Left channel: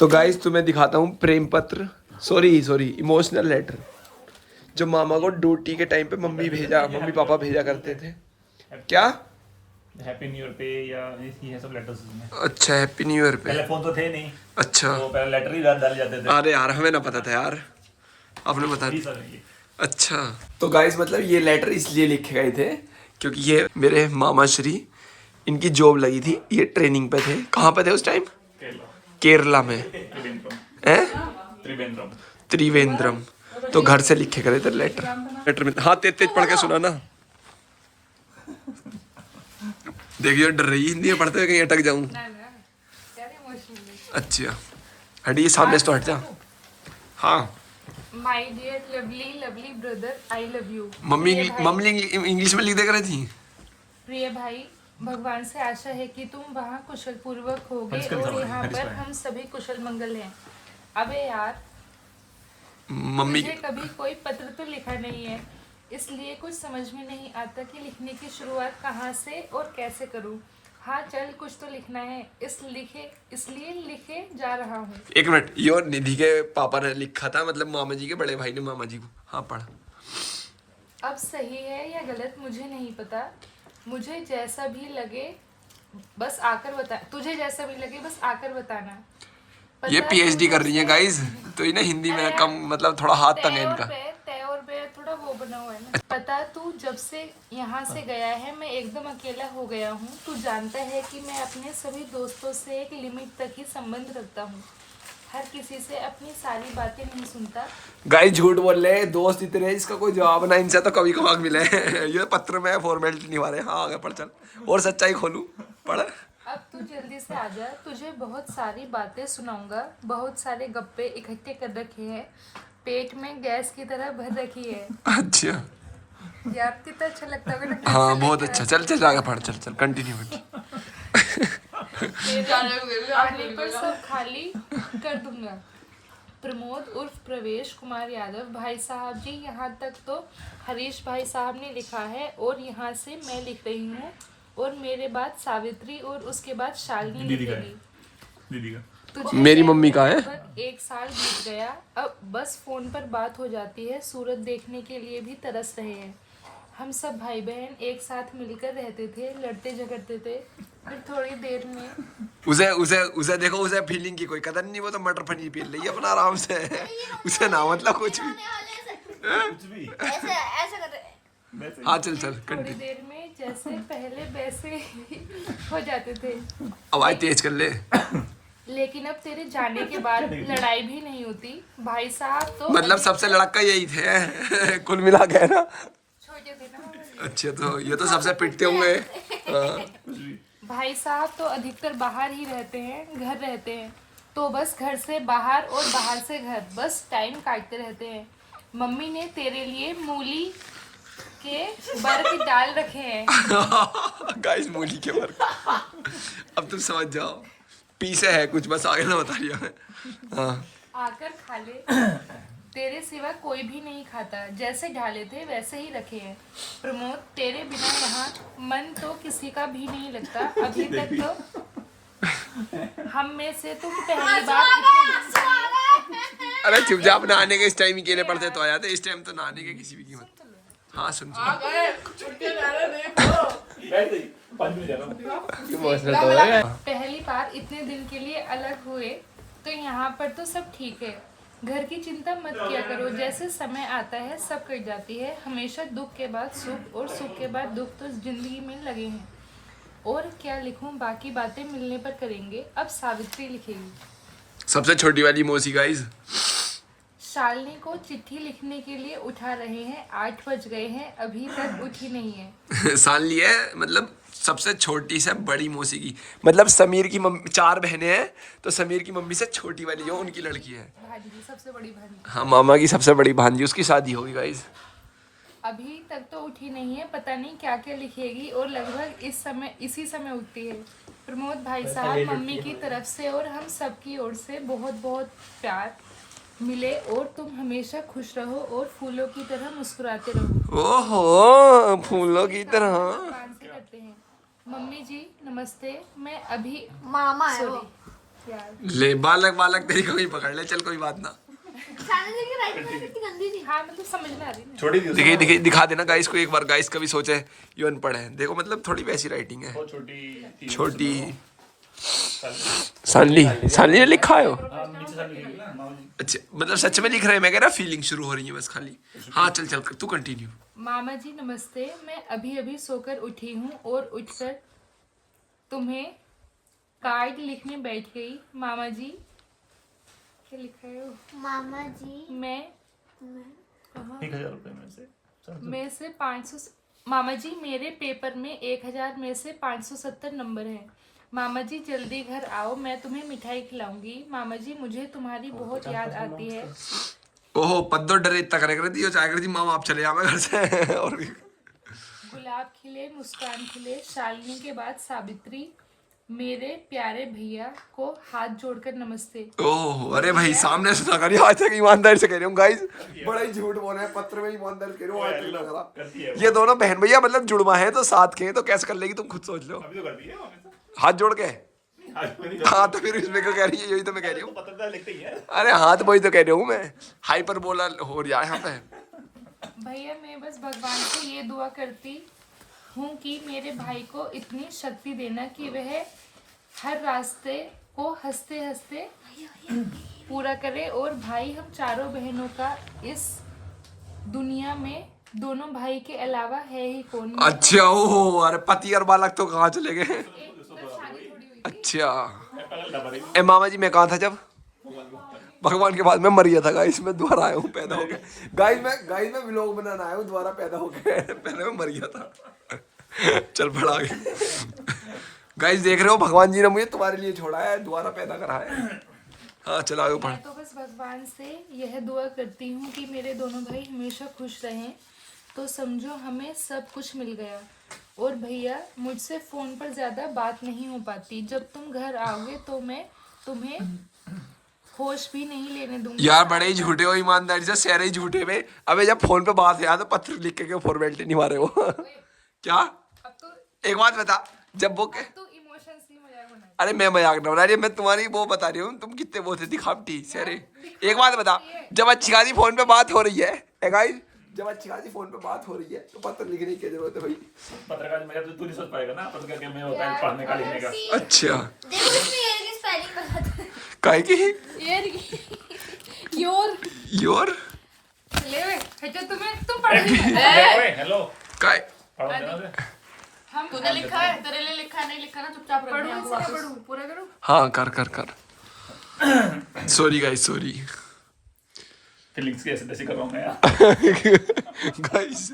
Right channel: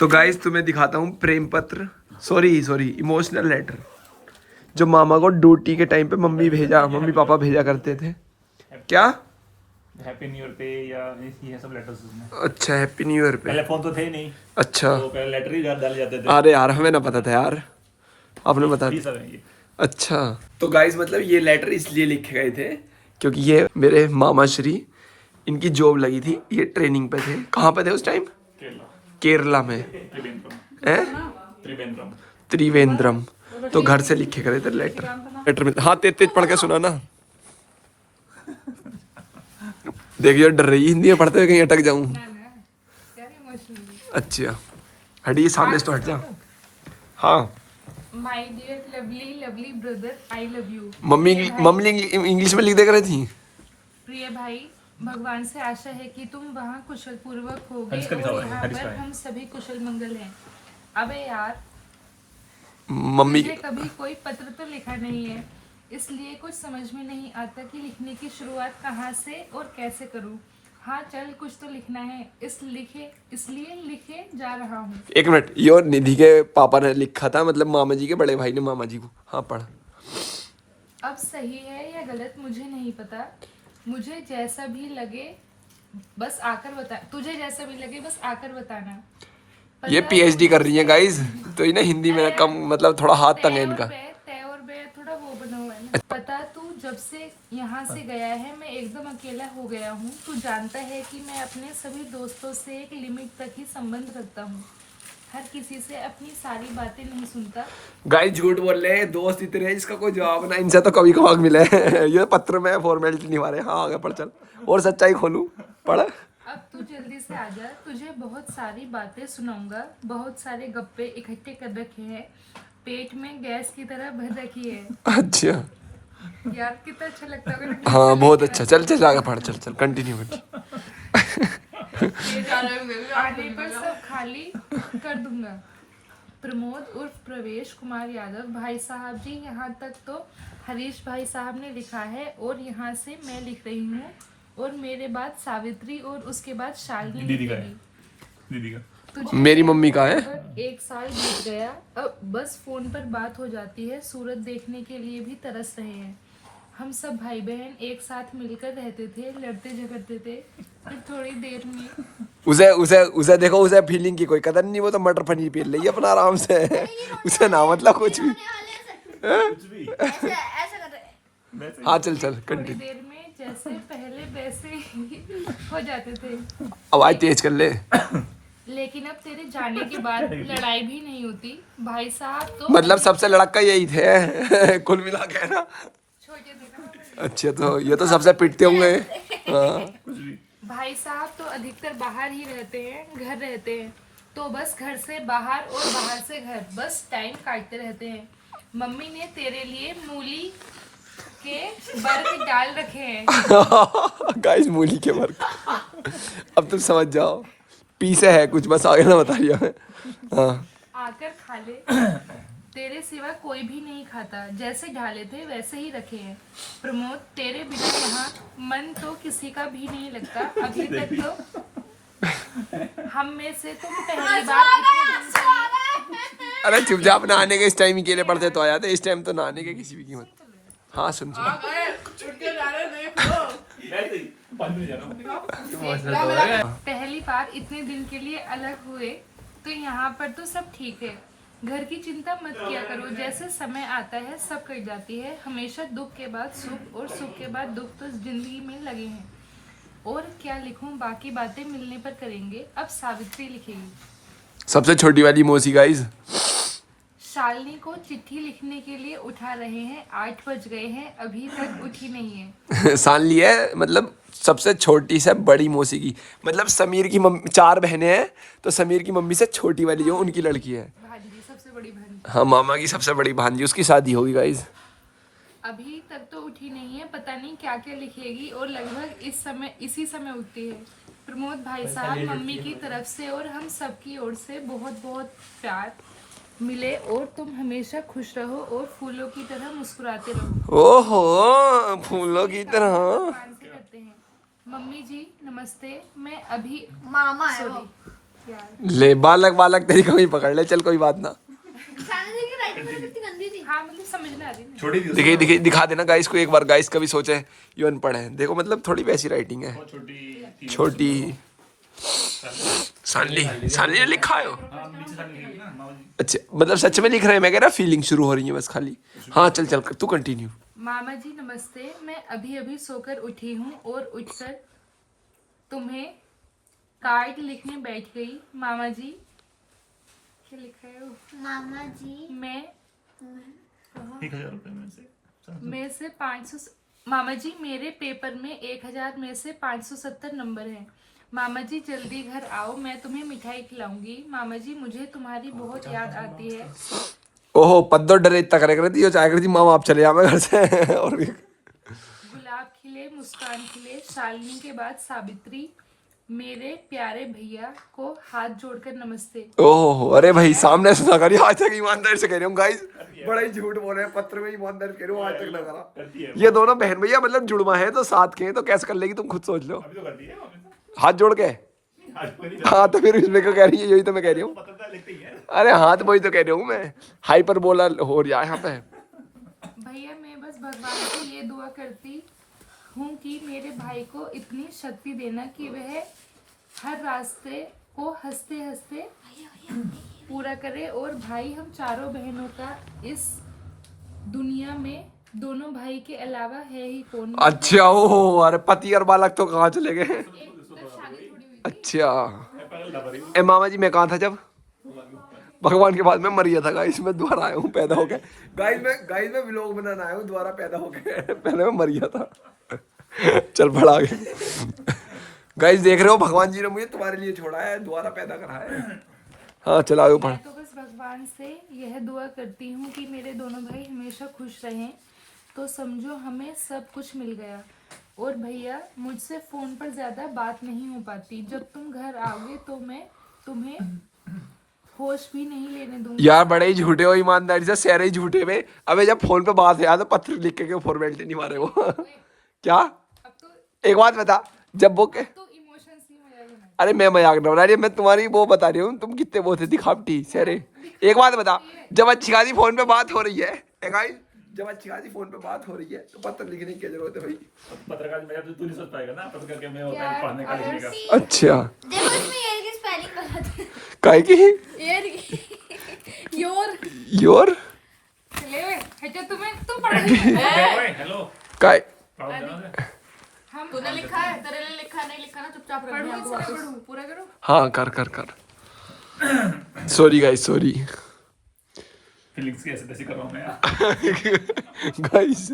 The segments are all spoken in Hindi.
तो गाइस तुम्हें दिखाता हूँ प्रेम पत्र, सॉरी इमोशनल लेटर, जो मामा को ड्यूटी के टाइम पे मम्मी पापा भेजा करते थे। क्या हैप्पी न्यू ईयर पे या ये सब लेटर्स उसमें। अच्छा, हैप्पी न्यू ईयर पे। पहले फोन तो थे नहीं, अच्छा, तो पहले लेटर ही डाले जाते थे। अरे यार हमें ना पता था यार, आपने बता ये दिया। सब है ये। अच्छा, तो गाइस मतलब ये लेटर इसलिए लिखे गए थे क्योंकि ये मेरे मामा श्री, इनकी जॉब लगी थी, ये ट्रेनिंग पे थे। कहाँ पे थे उस टाइम? केरला, केरला में। त्रिवेंद्रम, हैं? त्रिवेंद्रम। त्रिवेंद्रम। तो घर से लिखे गए थे लेटर। लेटर में हाँ, तेज तेज पढ़ के सुना ना। देखिए डर रही है, हिंदी में पढ़ते हुए कहीं अटक जाऊं। अच्छा, हटिए सामने से तो हट जा। हाँ my dear lovely lovely brother, I love you. Mummy English में लिख दे रही थी। प्रिय भाई, भगवान से आशा है कि तुम वहाँ कुशल पूर्वक होगे हर्ष का और दिखाओ, यहाँ हर्ष पर का है। हम सभी कुशल मंगल हैं। अबे यार, मम्मी मुझे कभी कोई पत्र तो लिखा नहीं है, इसलिए कुछ समझ में नहीं आता कि लिखने की शुरुआत कहाँ से और कैसे करूँ। हाँ चल, कुछ तो लिखना है, इसलिए लिखे जा रहा हूँ। एक मिनट, ये और निधि के पापा ने लिखा था, मतलब मामा जी के बड़े भाई ने मामा जी को। हाँ पढ़। अब सही है या गलत मुझे नहीं पता, मुझे जैसा भी लगे बस आकर बता, तुझे जैसा भी लगे बस आकर बताना। ये पता पीएचडी तू कर रही है जब गाइस, तो इन्हें हिंदी में कम, मतलब थोड़ा हाथ तंग है इनका। तय और बे थोड़ा वो बना हुआ है ना। पता तू जब से यहाँ से गया है मैं एकदम अकेला हो गया हूँ। तू जानता है कि मैं अपने सभी दोस्तों से एक लिमिट तक ही संबंध रखता हूँ, हर किसी से अपनी सारी बातें नहीं सुनता। गाइस झूठ बोल रहे हैं, दोस्त इतने हैं, इसका कोई जवाब ना इनसे तो कभी कभाग मिले। ये पत्र में फॉर्मेलिटी निभा रहे हैं। हाँ आगे पढ़ चल, और सच्चाई खोलूं, पढ़। अब तू जल्दी से आ जा, तुझे बहुत सारी बातें सुनाऊंगा। बहुत सारे गप्पे इकट्ठे कर रखे हैं, पेट में गैस की तरह भर रखी है। अच्छा, यार कितना अच्छा लगता होगा ना। हाँ बहुत अच्छा। चल चल आगे पढ़, चल चल कंटिन्यू कर। आने पर सब खाली कर दूंगा। प्रमोद उर्फ प्रवेश कुमार यादव। भाई साहब जी, यहाँ तक तो हरीश भाई साहब ने लिखा है और यहाँ से मैं लिख रही हूँ, और मेरे बाद सावित्री और उसके बाद शालिनी दीदी का है। लिखेगी। दीदी का। तुझे मेरी शहर मम्मी में का है। लगभग 1 साल बीत गया, अब बस फोन पर बात हो जाती है। सूरत देखने के लिए भी तरस रहे हैं। हम सब भाई बहन एक साथ मिलकर रहते थे, लड़ते झगड़ते थे, फिर थोड़ी देर में उसे उसे उसे देखो, उसे फीलिंग की कोई कदर नहीं, वो तो मटर पनीर पी रही है अपना आराम से। उसे ना मतलब कुछ भी। कुछ भी। ऐसे ऐसे कर रहे। हाँ चल चल थोड़ी कंटिन्यू। देर में जैसे पहले वैसे ही हो जाते थे। आवाज तेज कर ले। लेकिन अब तेरे जाने के बाद लड़ाई भी नहीं होती। भाई साहब तो मतलब सबसे लड़का यही थे। कुल मिला के ना। छोटे थे ना। अच्छा, तो ये तो सबसे पिटते होंगे। हाँ। भाई साहब तो अधिकतर बाहर ही रहते हैं, घर रहते हैं, तो बस घर से बाहर और बाहर से घर, बस टाइम काटते रहते हैं। मम्मी ने तेरे लिए मूली के बर्फ डाल रखे हैं। गाइस मूली के वर्क। अब तुम समझ जाओ, पीछे है कुछ, बस आगे ना बता रही है। हाँ आकर खा ले, तेरे सिवा कोई भी नहीं खाता। जैसे ढाले थे वैसे ही रखे हैं। प्रमोद, तेरे बिना यहाँ मन तो किसी का भी नहीं लगता। अभी तक तो हम में से तुम पहली बार इतने दिन से अरे चुपचाप, नहाने के इस टाइम ही केले पड़ते तो आ जाते, इस टाइम तो नहाने के किसी भी कीमत। हाँ सुन सुन। पहली बार इतने दिन के लिए अलग हुए, तो यहाँ पर तो सब ठीक है। घर की चिंता मत किया करो, जैसे समय आता है सब कट जाती है। हमेशा दुख के बाद सुख और सुख के बाद दुख तो जिंदगी में लगे हैं। और क्या लिखूं, बाकी बातें मिलने पर करेंगे। अब सावित्री लिखेगी। सबसे छोटी वाली मौसी गाइस। शालिनी को चिट्ठी लिखने के लिए उठा रहे हैं, 8 बज गए हैं, अभी तक उठी नहीं है। सान ली है, मतलब सबसे छोटी से बड़ी मौसी की, मतलब समीर की मम्मी, 4 बहनें हैं, तो समीर की मम्मी से छोटी वाली जो उनकी लड़की है। भांजी, सबसे बड़ी भांजी। हाँ मामा की सबसे बड़ी भांजी, उसकी शादी होगी गाइस। अभी तक तो उठी नहीं है, पता नहीं क्या क्या लिखेगी, और लगभग इसी समय उठती है। प्रमोद भाई साहब, मम्मी की तरफ से और हम सबकी ओर से बहुत बहुत प्यार मिले, और तुम हमेशा खुश रहो और फूलों की तरह मुस्कुराते रहो। ओहो, फूलों की तरह। भगवान से करते हैं। मम्मी जी नमस्ते, मैं अभी मामा है वो। सॉरी यार। ले बालक बालक तेरी कहीं पकड़ ले, चल कोई बात ना। शानी जी की राइटिंग कितनी गंदी थी। हाँ मतलब समझ में आ रही है। छोटी दिखे दिखा देना गाइस को एक बार, गाइस कभी सोचे ये अनपढ़ है, देखो मतलब थोड़ी वैसी राइटिंग है, छोटी छोटी। सानली सानली ने लिखा है वो? हाँ नीचे साइड लिखी ना मामूली। अच्छा मतलब सच में लिख रहे हैं, मैं कह रहा फीलिंग शुरू हो रही है बस खाली। हाँ चल चल तू कंटिन्यू। मामा जी नमस्ते, मैं अभी अभी सोकर उठी हूँ और उठकर तुम्हें कार्ड लिखने बैठ गई। मामा जी क्या लिखा है वो? मामा जी मैं 1000 रुपए में से 500। मामा जी मेरे पेपर में 1000 में से 570 नंबर है। मामा जी जल्दी घर आओ, मैं तुम्हें मिठाई खिलाऊंगी। मामा जी मुझे तुम्हारी बहुत याद आती है। ओहो पद्दो डरे इतना करे कर दी चाहे कर दी मामा आप चले जाओ घर से। और गुलाब खिले, मुस्कान खिले, शालिनी के बाद सावित्री, मेरे प्यारे भैया को हाथ जोड़कर नमस्ते। ओहो अरे भाई सामने से ना करिए, आज तक ईमानदारी से कह रही हूँ गाइस, बड़ा ही झूठ बोल रहे हैं, पत्र में ईमानदारी से कह रही हूँ, आज तक ना करा। ये दोनों बहन भैया मतलब जुड़वा है तो साथ के हैं, तो कैसे कर लेगी तुम खुद सोच लो। अभी तो कर दिया हमने तो। हाथ जोड़ के आज तो नहीं हाँ, तो फिर इसमें क्यों कह रही है, यही तो मैं कह रही हूँ। पता लिखते ही है। अरे हाँ तो वही तो कह रही हूँ मैं, हाइपर बोला हो रहा है यहाँ पे। भैया मैं बस भगवान से ये दुआ करती हूँ कि मेरे भाई को इतनी शक्ति देना कि वह हर रास्ते को हंसते हंसते पूरा करे, और भाई हम चारों बहनों का इस दुनिया में दोनों भाई के अलावा है ही कौन। अच्छा ओहो अरे पति और बालक तो कहाँ चले गए। अच्छा ए मामा जी मैं कहाँ था जब भगवान के बाद मैं मर गया था गाइस, मैं दोबारा आया हूँ पैदा हो गया गाइस मैं व्लॉग बनाना आया हूँ दोबारा पैदा हो गया। पहले मैं मर गया था। चल बढ़ा गया गाइस, देख रहे हो भगवान जी ने मुझे तुम्हारे लिए छोड़ा है, दोबारा पैदा करा है। हाँ चला आगे पढ़। मैं तो बस भगवान से यह दुआ करती हूँ कि मेरे दोनों भाई हमेशा खुश रहें, तो समझो हमें सब कुछ मिल गया। और भैया मुझसे फोन पर ज्यादा बात नहीं हो पाती, जब तुम घर आओगे तो मैं तुम्हें होश भी नहीं लेने दूंगी। यार बड़े ही झूठे हो, ईमानदारी से सारे ही झूठे में। अबे जब फोन पे बात है यार तो पत्र लिख के फॉर्मेलिटी नहीं मारे हो। क्या अब तो एक बात बता, जब वो के तो इमोशंस ही मजाक बना। अरे मैं मजाक ना बना रही, मैं तुम्हारी वो बता रही हूँ, तुम कितने वो थे दिखावटी सारे। एक बात बता, जब अच्छी खासी फोन पे बात हो रही है गाइस, जब अच्छी खासी फोन पे बात हो रही है तो पत्र लिखने की जरूरत है भाई। पत्रकार में जब तू नहीं सोच पाएगा ना पत्रकार के में होता है पढ़ने का लिखने का। अच्छा देखो इसमें ईयर की स्पेलिंग बताते हैं। काय की योर योर ले वे, अच्छा तुम पढ़ रही हो। हेलो काय पढ़ो ना। हम तूने लिखा है, तेरे लिए लिखा नहीं लिखा ना, चुपचाप रख पढ़ू दिया। ऐसे ना पढ़ू, पूरा करो। हाँ कर कर कर। सॉरी गाइस सॉरी फीलिंग्स की ऐसे तैसे कर रहा हूँ मैं यार। गाइस।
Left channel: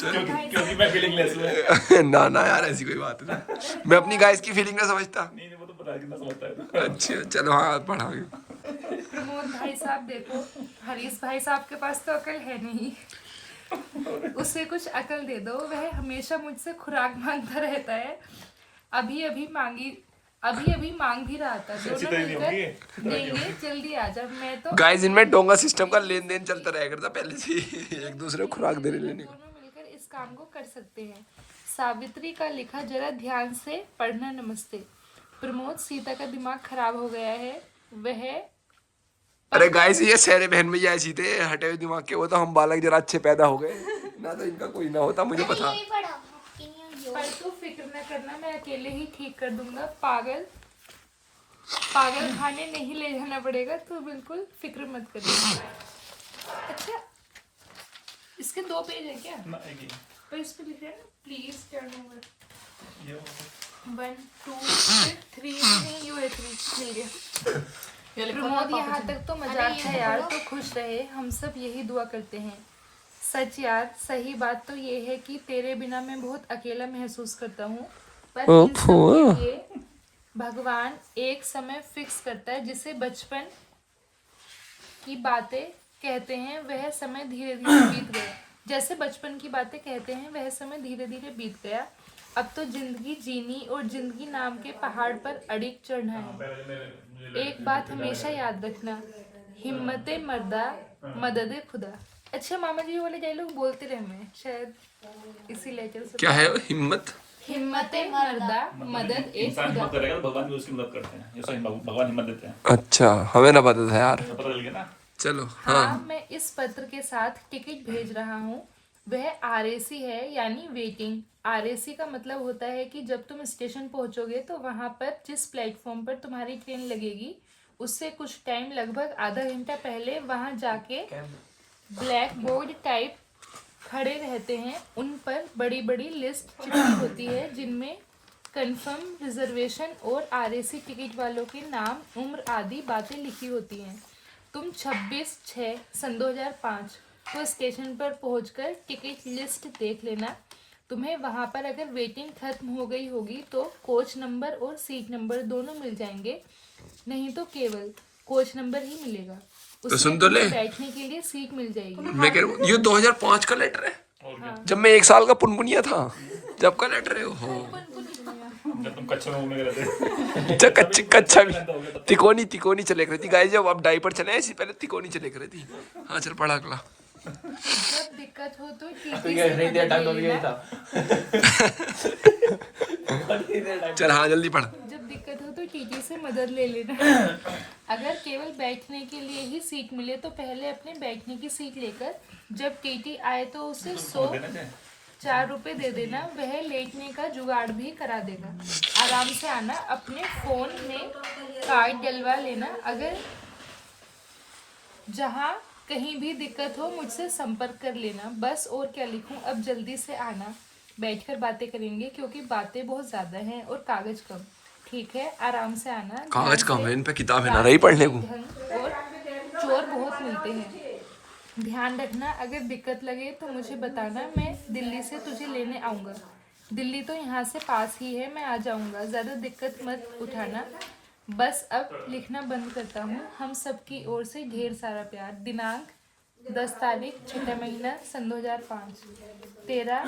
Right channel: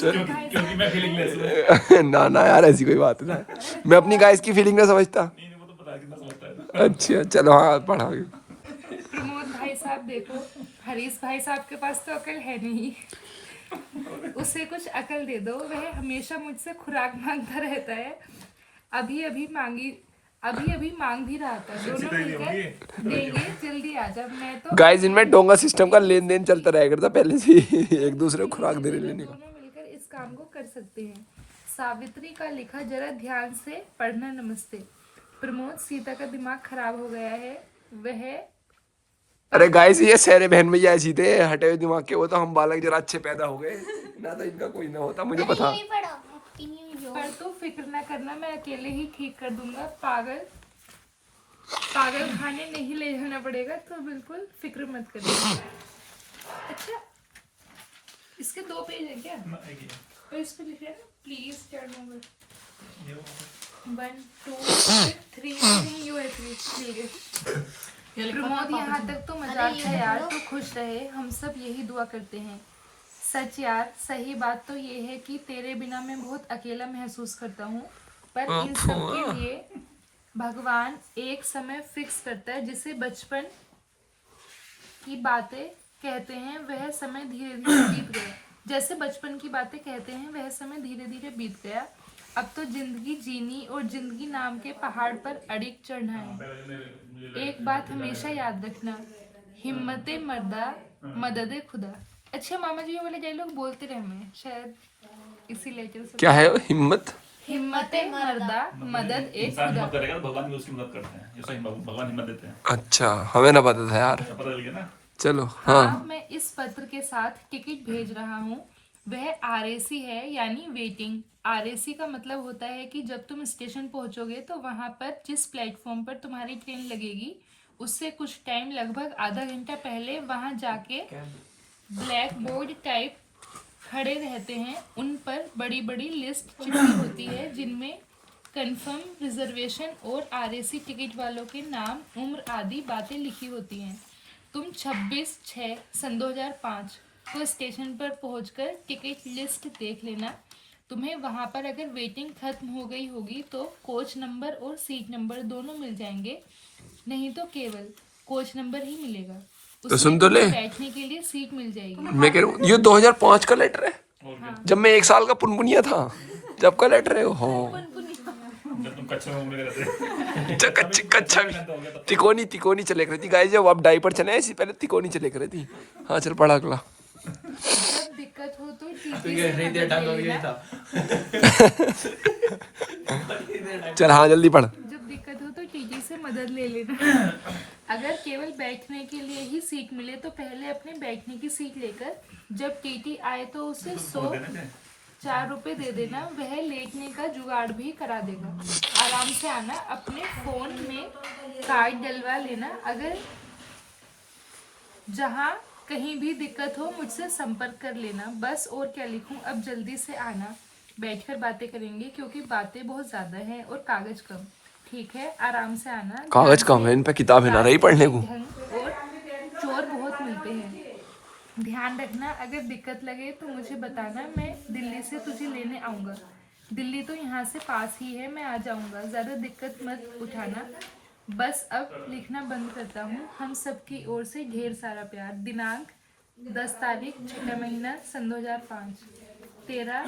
क्योंकि मैं फीलिंग लेस है। ना ना यार ऐसी कोई बात नहीं, मैं अपनी गाइस की फीलिंग ना समझता। नहीं वो तो पता है कितना समझता है। अच्छा चलो हाँ पढ़ा। प्रमोद भाई साहब देखो, हरीश भाई साहब के पास तो अकल है नहीं, उसे कुछ अकल दे दो, वह हमेशा मुझसे खुराक मांगता रहता है। अभी अभी मांग भी रहा था, दोनों मिलकर देंगे, जल्दी आ जा। मैं तो गाइस इनमें डोंगा सिस्टम का लेन देन चलता रहेगा था पहले से ही, एक दूसरे को खुराक दे रहे। दोनों मिलकर इस काम को कर सकते हैं। सावित्री का लिखा जरा ध्यान से पढ़ना, नमस्ते। प्रमोद सीता का दिमाग खराब हो गया है, वह अरे गाइस ये सारे बहन भैया ऐसी थे हटे हुए दिमाग के, वो तो हम बालक जरा अच्छे पैदा हो गए ना, तो इनका कोई ना होता मुझे पता। पर तू फिक्र न करना, मैं अकेले ही ठीक कर दूंगा। पागल खाने नहीं ले जाना पड़ेगा, तो बिल्कुल फिक्र मत करिए। अच्छा इसके 2 पेज है क्या? पर इस पे लिखा है ना प्लीज टर्न ओवर 1 2 3 नहीं यू है 3 मिल गया। प्रमोद यहाँ तक तो मजाक है यार, तो खुश रहे, हम सब यही दुआ करते हैं। सच यार सही बात तो ये है कि तेरे बिना मैं बहुत अकेला महसूस करता हूँ, पर इन सब के लिए भगवान एक समय फिक्स करता है, जिसे बचपन की बातें कहते हैं वह समय धीरे धीरे बीत गया। जैसे बचपन की बातें कहते हैं वह समय धीरे धीरे बीत गया, अब तो जिंदगी जीनी और जिंदगी नाम के पहाड़ पर अड़िग चढ़ना है। एक बात हमेशा याद रखना, हिम्मते मर्दा मदद खुदा। अच्छा मामा जी ये वाले डायलॉग बोलते रहे मैं शायद इसी लेक्चर से। क्या है हिम्मत हिम्मते मर्दा मदद एक इंसान हिम्मत खुदा। करेगा तो भगवान भी उसकी मदद करते हैं, जैसे भगवान हिम्मत देते हैं। अच्छा, हमें ना पता था यार। पता चल गया ना। चलो हाँ, मैं इस पत्र के साथ टिकट भेज रहा हूँ। वह आरएसी है, यानी वेटिंग। आरएसी का मतलब होता है कि जब तुम स्टेशन पहुंचोगे तो वहां पर जिस प्लेटफॉर्म पर तुम्हारी ट्रेन लगेगी उससे कुछ टाइम, लगभग आधा घंटा पहले वहां जाके ब्लैक बोर्ड टाइप खड़े रहते हैं। उन पर बड़ी बड़ी लिस्ट चिपकी होती है जिनमें कंफर्म रिजर्वेशन और आरएसी टिकट वालों के नाम, उम्र आदि बातें लिखी होती हैं। तुम 26/6/2005 को स्टेशन पर पहुंचकर टिकट लिस्ट देख लेना। तुम्हें वहां पर अगर वेटिंग खत्म हो गई होगी तो कोच नंबर और सीट नंबर दोनों मिल जाएंगे, नहीं तो केवल कोच नंबर ही मिलेगा। उसमें सुन तो ले। तुम्हें बैठने के लिए सीट मिल जाएगी। मैं कह रहा हूँ ये 2005 का लेटर है, जब मैं 1 साल का पुनपुनिया था, जब का लेटर है। हो जब तुम कच्चे में घूमने गए थे। कच्चा भी तिकोनी चले कर थी गाइस। जब आप डायपर चले ऐसी पहले तिकोनी चले कर थी। हाँ चल पढ़ा अगला। जब दिक्कत हो तो टीटी से मदद ले लेना। चल हाँ जल्दी पढ़। जब दिक्कत हो तो टीटी से मदद ले लेना। अगर केवल बैठने के लिए ही सीट मिले तो पहले अपने बैठने की सीट लेकर जब टीटी आए तो उसे 104 रुपए दे देना। वह लेटने का जुगाड़ भी करा देगा। आराम से आना, अपने फोन में कार्ड डलवा लेना। अगर जहाँ कहीं भी दिक्कत हो मुझसे संपर्क कर लेना। बस और क्या लिखूं, अब जल्दी से आना, बैठकर बातें करेंगे क्योंकि बातें बहुत ज्यादा हैं और कागज कम। ठीक है, आराम से आना। कागज ध्यान कम है, से इन पे किताबें ना रही पढ़ने को। ढंग और चोर बहुत मिलते हैं। ध्यान रखना, अगर दिक्कत लगे तो मुझे बताना, मैं दिल्ली से तुझे लेने आऊँगा। दिल्ली तो यहाँ से पास ही है, मैं आ जाऊँगा, ज़्यादा दिक्कत मत उठाना। बस अब लिखना बंद करता हूँ। हम सब की ओर से ढेर सारा प्यार। दिनांक 10 तारीख 6 महीना सन 2005। तेरा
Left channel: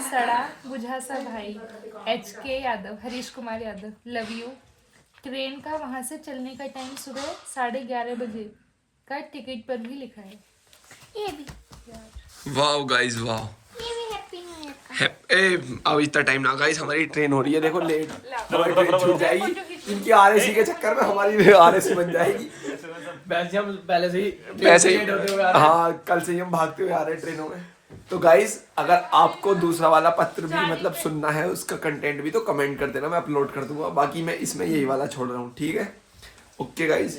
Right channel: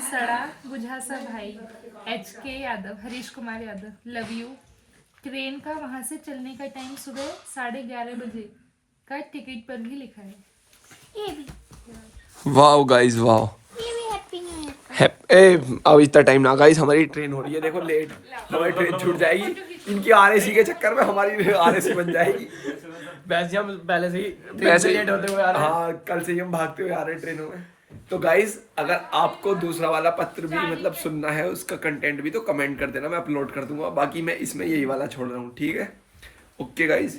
सड़ा बुझा सा भाई HK Yadav, Harish Kumar Yadav. Love you. Train का वहाँ से चलने का टाइम सुबह 11:30 बजे का टिकट पर भी लिखा है। ये भी वाह गाइस वाह। हैप्पी न्यू ईयर का। अब इतना टाइम ना गाइस, हमारी ट्रेन हो रही है, देखो लेट। हमारी ट्रेन छूट जाएगी, इनकी आरएसी के चक्कर में हमारी आरएसी बन जाएगी। वैसे हम पहले से ही वैसे लेट होते हुए आ रहे हैं। हाँ, कल से ही हम भागते हुए आ रहे हैं ट्रेनों में। तो गाइस अगर आपको दूसरा वाला पत्र भी मतलब सुनना है, उसका कंटेंट भी, तो कमेंट कर देना, मैं अपलोड कर दूंगा। बाकी मैं इसमें यही वाला छोड़ रहा हूँ, ठीक है। Okay guys.